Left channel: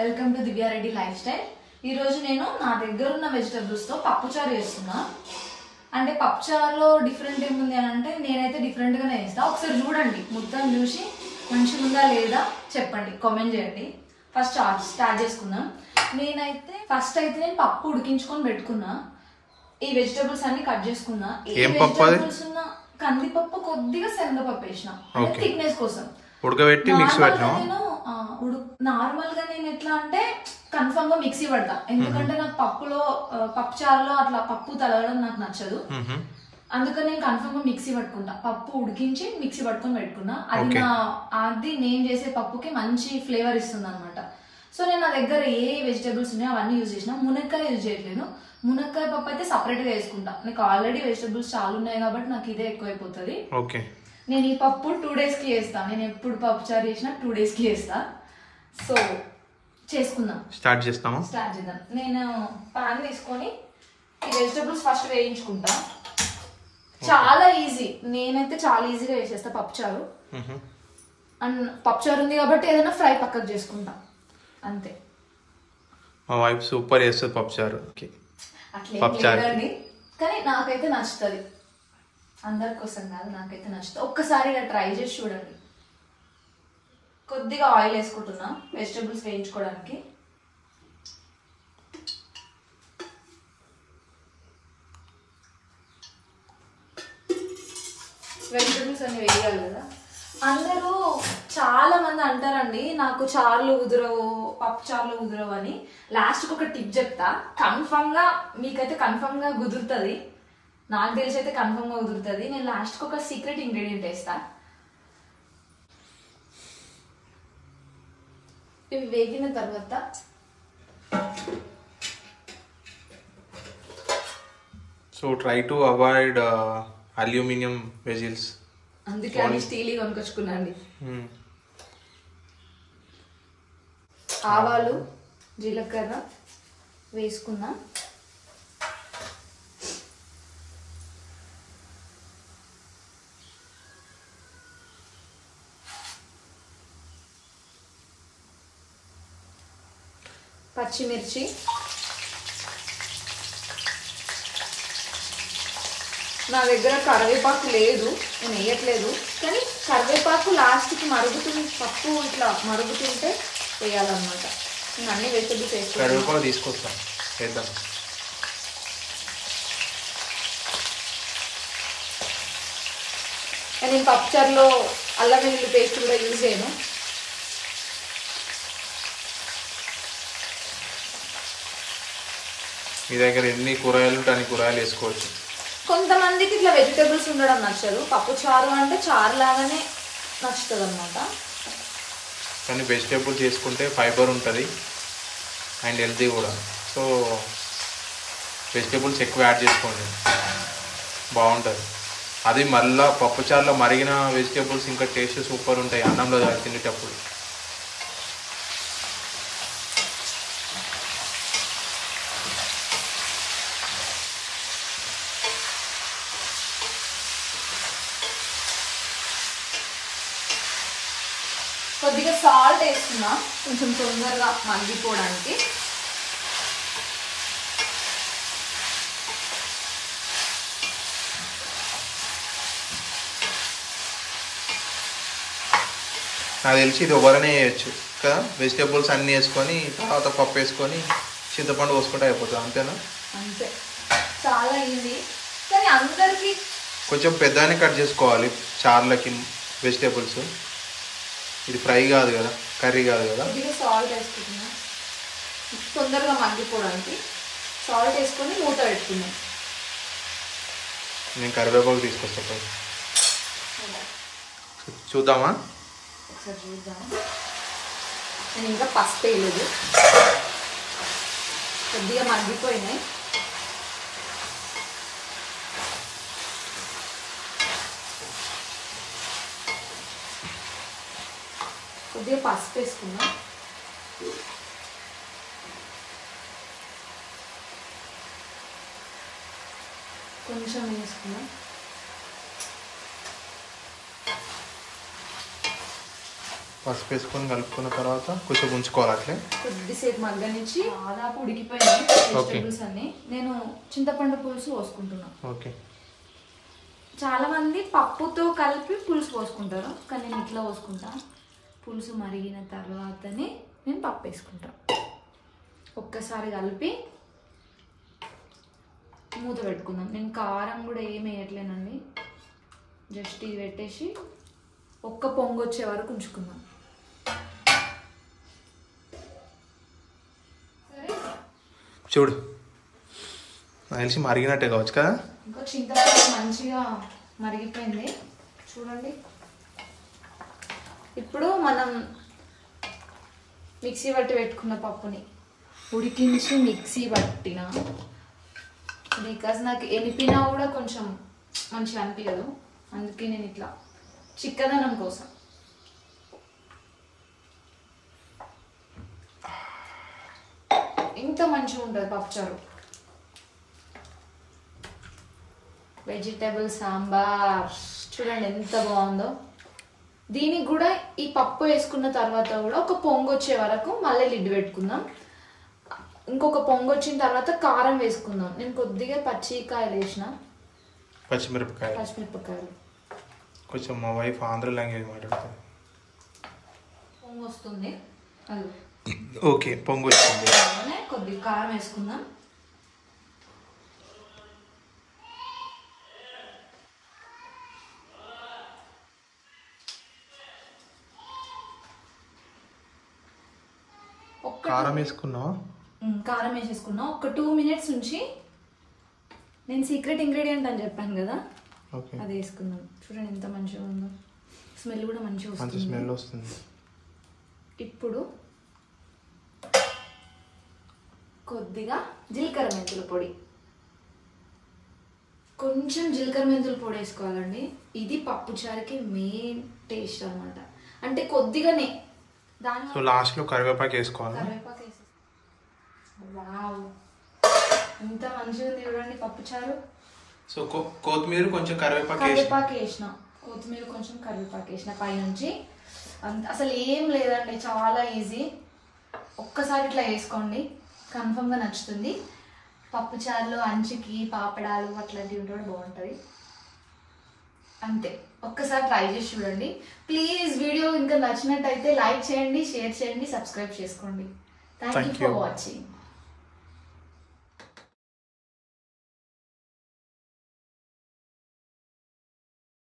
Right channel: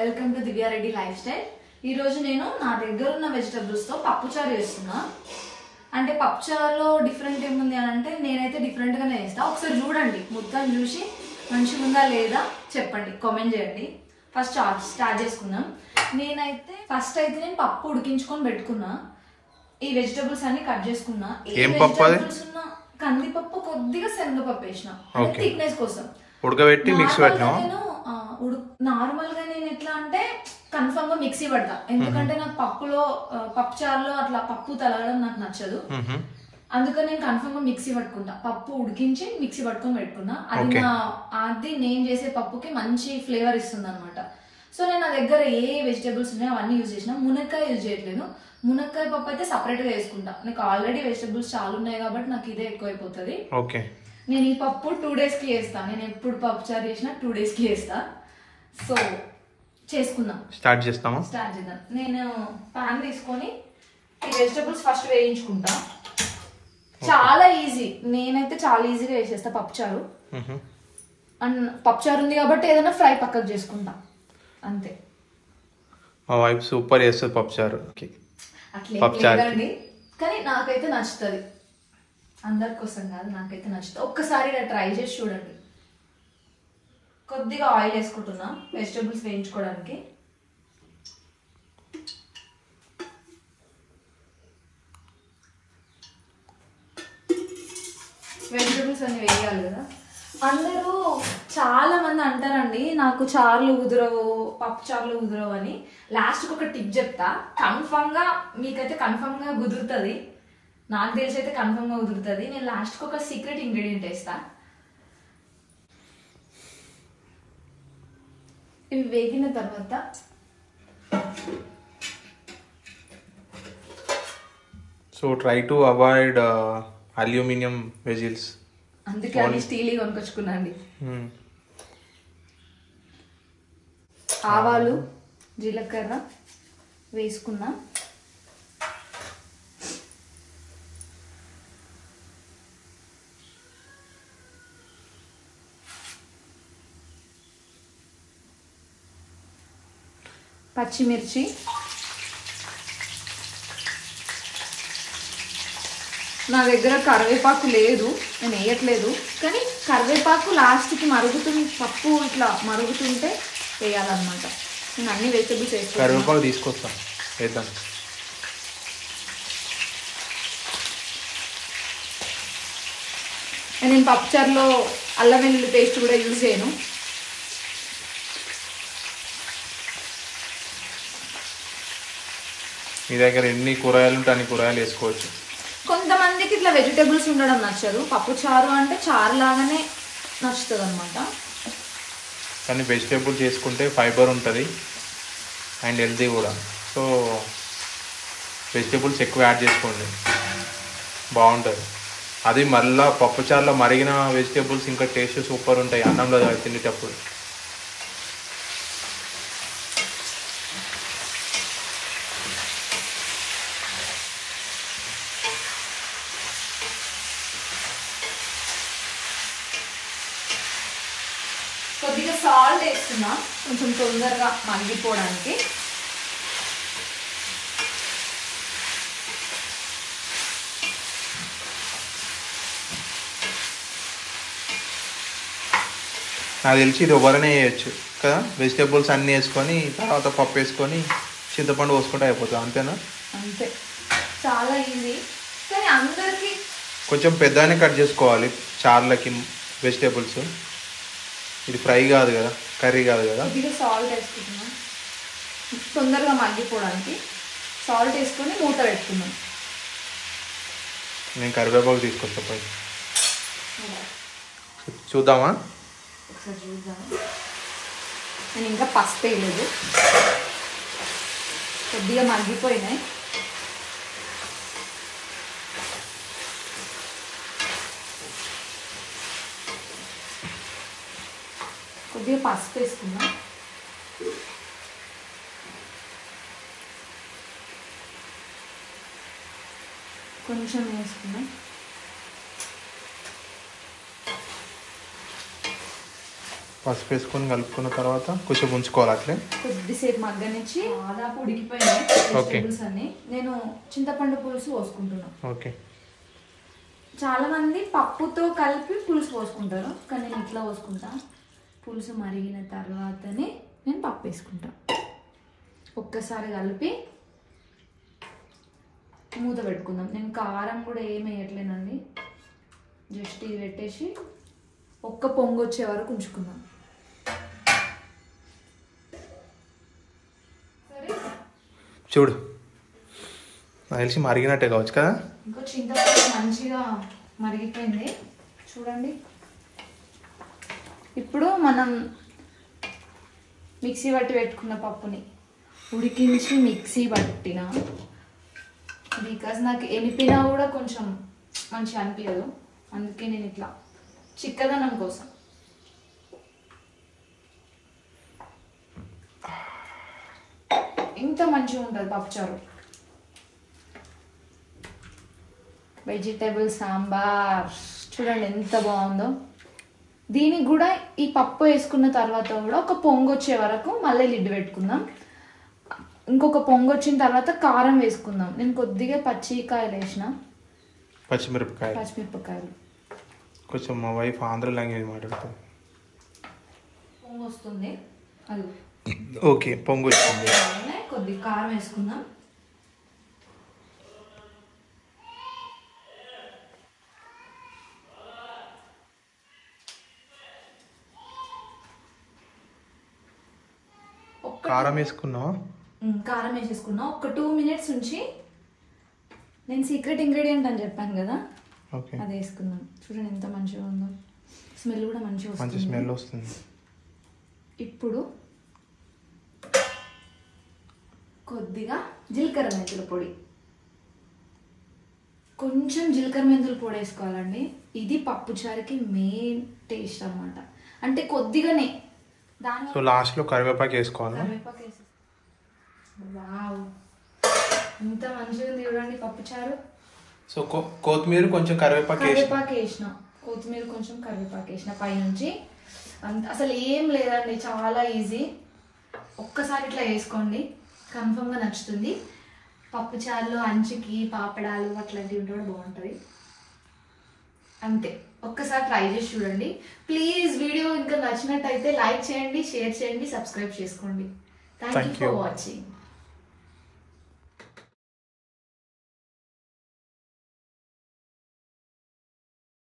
Welcome to Divya Reddy life style. ఈ రోజు నేను నా దగ్గర ఉన్న వెజిటబుల్స్ తో పప్పుచారు చేస్తున్నా. అంటే పప్పుచారులో డిఫరెంట్ ఏముంది అని అంటే నేనైతే డిఫరెంట్ గానే చేస్తా. ఒకసారి చూడండి, మొత్తం చూసి మంచిగా ఉందా లేదా చెప్పండి, కామెంట్ చేయండి. ఫస్ట్ స్టార్ట్ చేసుకుందాం. ఫస్ట్ అయితే నేను పప్పు ఉడికించుకొని పెట్టుకున్నా. ఈ వెజిటబుల్స్ అన్ని కట్ చేసుకున్నా. కందిపప్పు కొద్దిగా శనగపప్పు వేసిన థిక్నెస్ కోసం ఉడకబెట్టి మిక్స్ పెట్టినా. నార్మల్ గా నేను ఎట్లా అంటే కన్ఫర్మ్ గా మిక్సీ పడతా, ఎందుకంటే నాకు పప్పు చారులో అట్లా పప్పు తలగడం నాకు నచ్చదు. అందుకని నేను కన్ఫర్మ్ గా మిక్సీ పట్టుకుంటా. పప్పు ఉడికించి మిక్సీ పట్టుకొని పెట్టుకున్నా. అది నేను చేసే పప్పుకి మంచి ఫ్లేవర్ ఇస్తుంది అనమాట. సో నేను నా దగ్గర ఏ వెజిటేబుల్స్ ఉన్నాయో అవన్నీ యూజ్ చేసిన. మునక్కాయ యూజ్ చేయట్లేదు. మునక్కాయ పప్పు అయితే సపరేట్ గా వేసుకుంటా. నాకు ఆల్రెడీ వెజిటేబుల్స్ చాలా ఉన్నాయి కాబట్టి నాకు ఇదే ఎక్కువైపోతుంది. నేను ఈ పప్పు 2 days కి చేస్తా. నేను ఎప్పుడు పప్పు చారు చేసినా 2 days కి చేస్తా. సో చేసుకుందాం, స్టార్ట్ చేద్దాం. నేను పాన్ తీసుకొని ఈ వెజిటబుల్స్ ఫస్ట్ వేయించుకుంటా. చాలా ఈజీ, నేనైతే చాలా ఈజీగా వేసేస్తా పప్పుచారు. అండ్ పప్పుచారు ఉంది కాబట్టి ఏదైనా ఫ్రై పక్కకు చేసుకుంటా, అంతే. మా వైఫ్ సూపర్ చేస్తుంది పప్పుచారు. అట్లేండి, కానీ నాకైతే నచ్చుతుంది. అందరి కోసం కాదు, నాకైతే నచ్చుతుంది. ఒక్కసారి ఇలా ట్రై చేసి చూడండి. కొద్దిగా ఆయిల్ వేసుకుంటున్నా వెజిటబుల్స్ వేయించుకోవడానికి. వెజిటబుల్స్ అన్ని వేయాలి కదా. అందరూ చాలా మంది అంటారండి నాకు చారులు కుదరవు, పప్పు చారులు కుదరవు అని. లాస్ట్ కి ఒక టిప్ చెప్తా, కన్ఫర్మ్ గా మీకైతే కన్ఫర్మ్ గా కుదురుతుంది. నాకు తెలిసి అయితే కన్ఫర్మ్ గా కుదురుతుంది. నేను లాస్ట్ కి ఒక సీక్రెట్ ఇంగ్రీడియంట్ వేస్తా. ఇవి వేగిన తర్వాత so try to avoid aluminium vessels, అందుకే అన్ని స్టీల్ కొనుకొచ్చుకున్నాండి. ఆవాలు జీలకర్ర వేసుకున్నా. పచ్చిమిర్చి, నా దగ్గర కరివేపాకు లేదు, నేను వేయట్లేదు. కానీ కరివేపాకు లాస్ట్కి మరుగుతుంది, పప్పు ఇట్లా మరుగుతుంటే వేయాలన్నమాట. నేను అన్ని వెజిటబుల్స్ వేస్తాను. కరివేపాకు తీసుకొస్తాం, వేద్దాం. నేను పప్పుచారులో అల్లం వెల్లుల్లి పేస్ట్ కూడా యూజ్ చేయను. మీ దగ్గర ఎన్ని కూరగాయలు ఉంటే అన్ని కూరగాయలు వేసుకోవచ్చు. కొంతమందికి ఇట్లా వెజిటబుల్స్ ఉండడం నచ్చదు. పప్పు చారు అంటే చారు లాగానే నచ్చుతుంది అనమాట. కానీ వెజిటేబుల్స్ చేసుకుంటే ఫైబర్ ఉంటుంది అండ్ హెల్తీ కూడా. సో వెజిటేబుల్స్ ఎక్కువ యాడ్ చేసుకోండి, బాగుంటుంది. అది మళ్ళీ పప్పు చారులో మరిగిన వెజిటేబుల్స్ ఇంకా టేస్ట్ సూపర్ ఉంటాయి అన్నంలో తినేటప్పుడు. కొద్దిగా సాల్ట్ వేస్తున్నా, కొంచెం తొందరగా మగ్గిపోవడానికి. నాకు తెలిసి ఇది ఎవరైనా వేయచ్చు కదా. వెజిటేబుల్స్ అన్నీ వేసుకొని తర్వాత పప్పు వేసుకొని చింతపండు పోసుకుంటే అయిపోతుంది, అంతేనా? అంతే, చాలా ఈజీ. కానీ అందరికి కొంచెం పెద్దగానే కట్ చేసుకోవాలి చార్లకి వెజిటేబుల్స్. ఇది ఫ్రై కాదు కదా, కర్రీ కాదు కదా. సాల్ట్ వేసుకుంటున్నా తొందరగా మగ్గిపోవడానికి. సాల్ట్ వేసుకొని మూత పెట్టుకున్నాను. నేను కరివేపాకు తీసుకొస్తా పోయి. చూద్దామా? ఒకసారి చూద్దామా. నేను ఇంకా పసుపు వేయలేదు. కొద్దిగా మగ్గిపోయినాయి. కొద్దిగా పసుపు వేసుకుందాం. కొంచెం వేసుకుందాం. పసుపు వేసుకొని కలుపుకున్న తర్వాత కొంచెం ఉంచుకోవాలి అట్లే కొద్దిసేపు మగ్గనిచ్చి దాదాపు ఉడికిపోయినాయి వెజిటేబుల్స్ అన్ని. నేను చింతపండు పులుసు పోసుకుంటున్నాను. ఓకే. చాలా మంది పప్పుతో కలిపి పులుసు పోసుకుంటారు, కానీ నేను ఇట్లా పోసుకుంటా. పులుసు మరిగిన తర్వాతనే నేను పప్పు వేసుకుంటా. ఒక్కసారి కలిపి మూత పెట్టుకుందాం. నేను కారం కూడా ఏమి వేయట్లేనండి, జస్ట్ ఇది పెట్టేసి ఒక్క పొంగు వచ్చే వరకు ఉంచుకుందాం. చూడు తెలిసి మరిగినట్టే కావచ్చు కదా. ఇంకో చింతపండు మంచిగా మరిగిపోయింది చూడండి. ఇప్పుడు మనం మిక్సీ పట్టి పెట్టుకున్న పప్పుని ఉడికించి మిక్సీ పట్టిన, బికాజ్ నాకు ఎనిపినా కూడా కొంచెం మంచిగా అనిపించదు, అందుకే నేను ఇట్లా చిక్కదనం కోసం. ఇంత మంచిగా ఉంటుంది పప్పుచారు. వెజిటేబుల్ సాంబార్ చూడండి ఎంత బాగుందో. దీనికి కూడా ఈ పప్పు వేసుకున్న తర్వాత కూడా ఒక పొంగు వచ్చే వరకు మళ్ళీ లిడ్ పెట్టుకుందాం. ఇంకొక పొంగు వచ్చిన తర్వాత కారం వేసుకుందాం. నేను కొద్దిగా పచ్చికాయలు వేసిన, పచ్చిమిరపకాయలు. కొంచెం మా వైఫ్ ఆంధ్ర లాంగ్వేజ్ మాట్లాడుతుంది. పొంగు వస్తుంది. ఓకే, పొంగు వచ్చింది. కొద్దిగా కారం వేసుకుందాం. కారం వేసుకున్నావా? కారం వేసేసుకున్నా. ఒక 2 minutes ఉంచి నేను సీక్రెట్ ఇంగ్రీడియంట్ అని చెప్పాను కదా, అది వేసుకున్నాను. చూడండి ఎంత మంచిగా ఉందో, స్మెల్ కూడా మంచి స్మెల్ వస్తుంది. ఇప్పుడు కొద్దిగా జీలకర్ర మెంతుల పొడి, కొంచెం జీలకర్ర మెంతుల పొడి వేసుకోవాలండి. ఇది పప్పుచారుకి మెయిన్ టేస్ట్ అన్నమాట. అంటే కొద్దిగానే. సో లాస్ట్ లో కరివేపాకు వేసుకోవాలి. వావ్, ఎంత మంచిగా ఉంది చూడండి పప్పుచారు. సో కొత్తిమీర కొంచెం కరివేపాకు వేసిన, కొత్తిమీర కొంచెం కరివేపాకు వేసిన పైనుంచి. అసలు ఏం లేదండి, చాలా ఈజీ. ఒక్కసారి ఇట్లా వేసుకోండి, కన్ఫర్మ్గా నచ్చుతుంది. పప్పుచారులో అంచుకి పాపడాలు అట్లాంటివి ఉంటే కూడా బాగుంటుంది. అంతే, ఒక్కసారి ట్రై చేసి చూడండి ప్లీజ్. వీడియో ఇంకా నచ్చినట్టయితే లైక్ చేయండి, షేర్ చేయండి, సబ్స్క్రైబ్ చేసుకోండి. Thank you for watching.